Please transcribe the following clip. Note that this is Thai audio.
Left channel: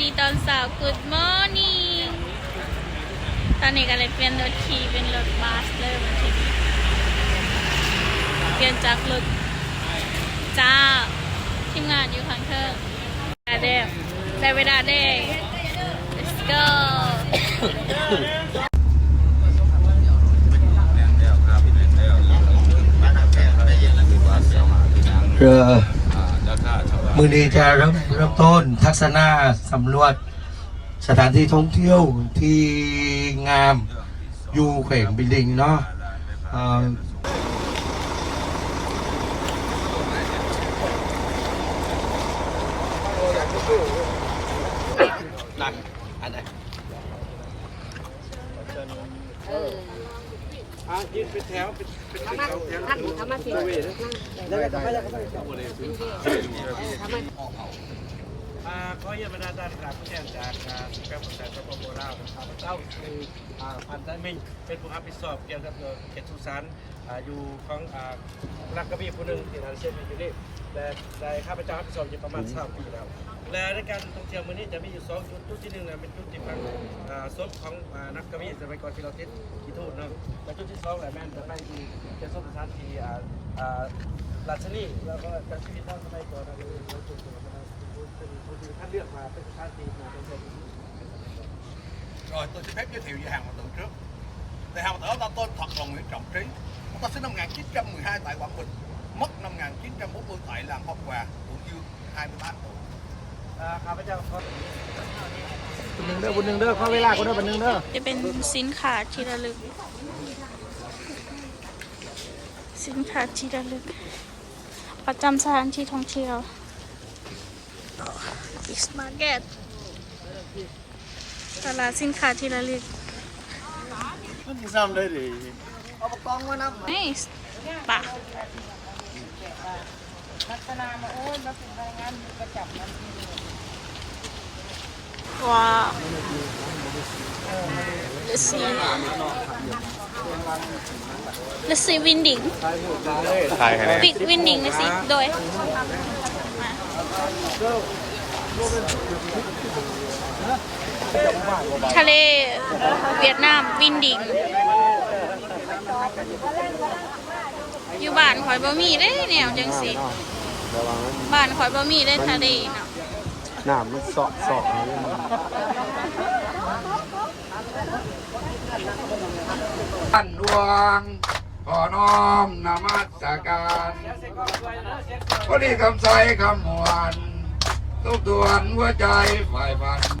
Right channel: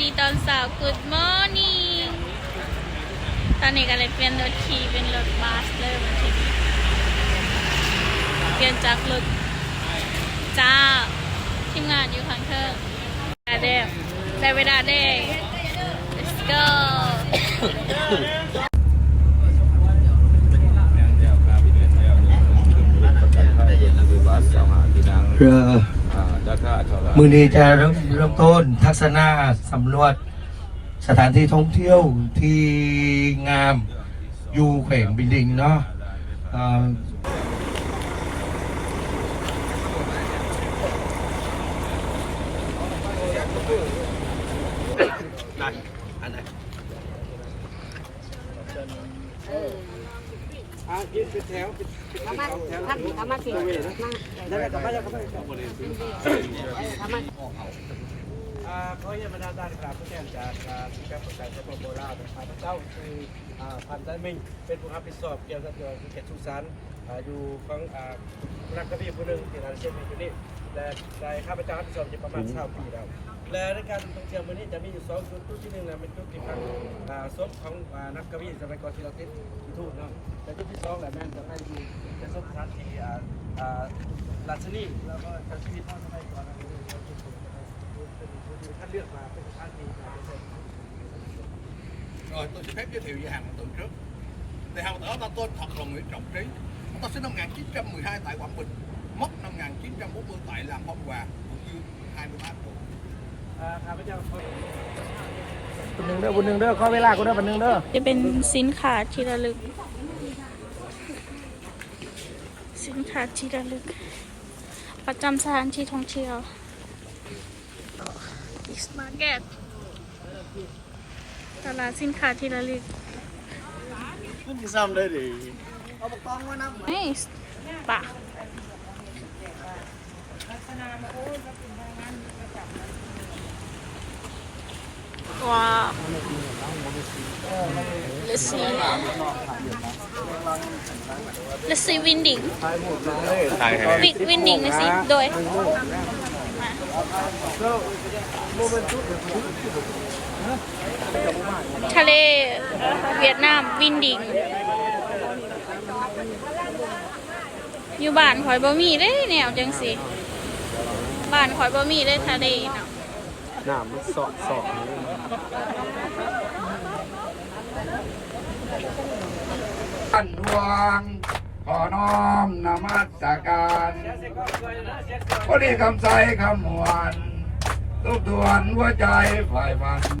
ดีตอนสาว Good morning ตอนนี้ก็เลยเปลี่ยนรถขี่เป็นรถบัสเลยมาทีนี้เปลี่ยนจากรถจ้าทีมงานอยู่ข้างเธอได้เด้ได้เวลาเด้ let's go เรือ มือนี้จะเริ่มเริ่มต้นทัศนาสำรวจสถานที่ท่องเที่ยวที่งามอยู่แขวงบิลดิงเนาะเอ่ออ่า ขอเยี่ยมบรรดาท่านครับผู้แทนจากอ่าสิบแปดประสาสปปลาวนะครับพระเจ้าคืออ่าพันธมิตรเป็นผู้รับผิดชอบเกี่ยวกับเรื่องเขตสุสานอ่าอยู่ของอ่านักกวีผู้หนึ่งที่งานเช่นที่นี่และได้ข้าพเจ้ารับผิดชอบอยู่ประมาณสามปีแล้วและในการท่องเที่ยวมื้อนี้จะมีอยู่สองจุดจุดที่หนึ่งนะเป็นจุดที่พังอ่าศพของอ่านักกวีสมัยก่อนที่เราติดที่ทูตเนาะและจุดที่สองแหละแม่นจะไปที่เป็นสุสานที่อ่าอ่า ดัชนีแล้วก็ดัชนีทางสมัยก่อนนะท่านเลือกมาเป็นท่านที่มาเป็นคน Rồi tôi xin phép giới thiệu về hàng mặt tượng trước. Thì hàng mặt tượng ta tên thật là Nguyễn Trọng Trí. Ông ta sinh năm 1912 tại Quảng Bình, mất năm 1940 tại làng Phong Hòa, Hữu Dương, 23 tuổi. ข้าพเจ้าขอบุญหนึ่งเด้อบุญหนึ่งเด้อขอเวลากูเด้อบุญหนึ่งเด้อจะเป็นสินค้าที่ระลึก สินค้าที่ระลึก ประจำสถานที่ท่องเที่ยว East Market ตลาดสินค้าที่ระลึกมันซ้ำได้ดิเอาปกองมานับนี่ป่ะว้าว Let's see Let's see winding ปิก winding นะสิโดยมาทะเลเวียดนามวินดิง อยู่บ้านข่อยบ่มีได้แนวจังสิบ้านข่อยบ่มีได้ทะเลเนาะน้ำมันสอบสอบ ท่านดวงขอน้อมนมัสการพระดีคำใสคำหวานทุกดวงหัวใจฝ่ายฝัน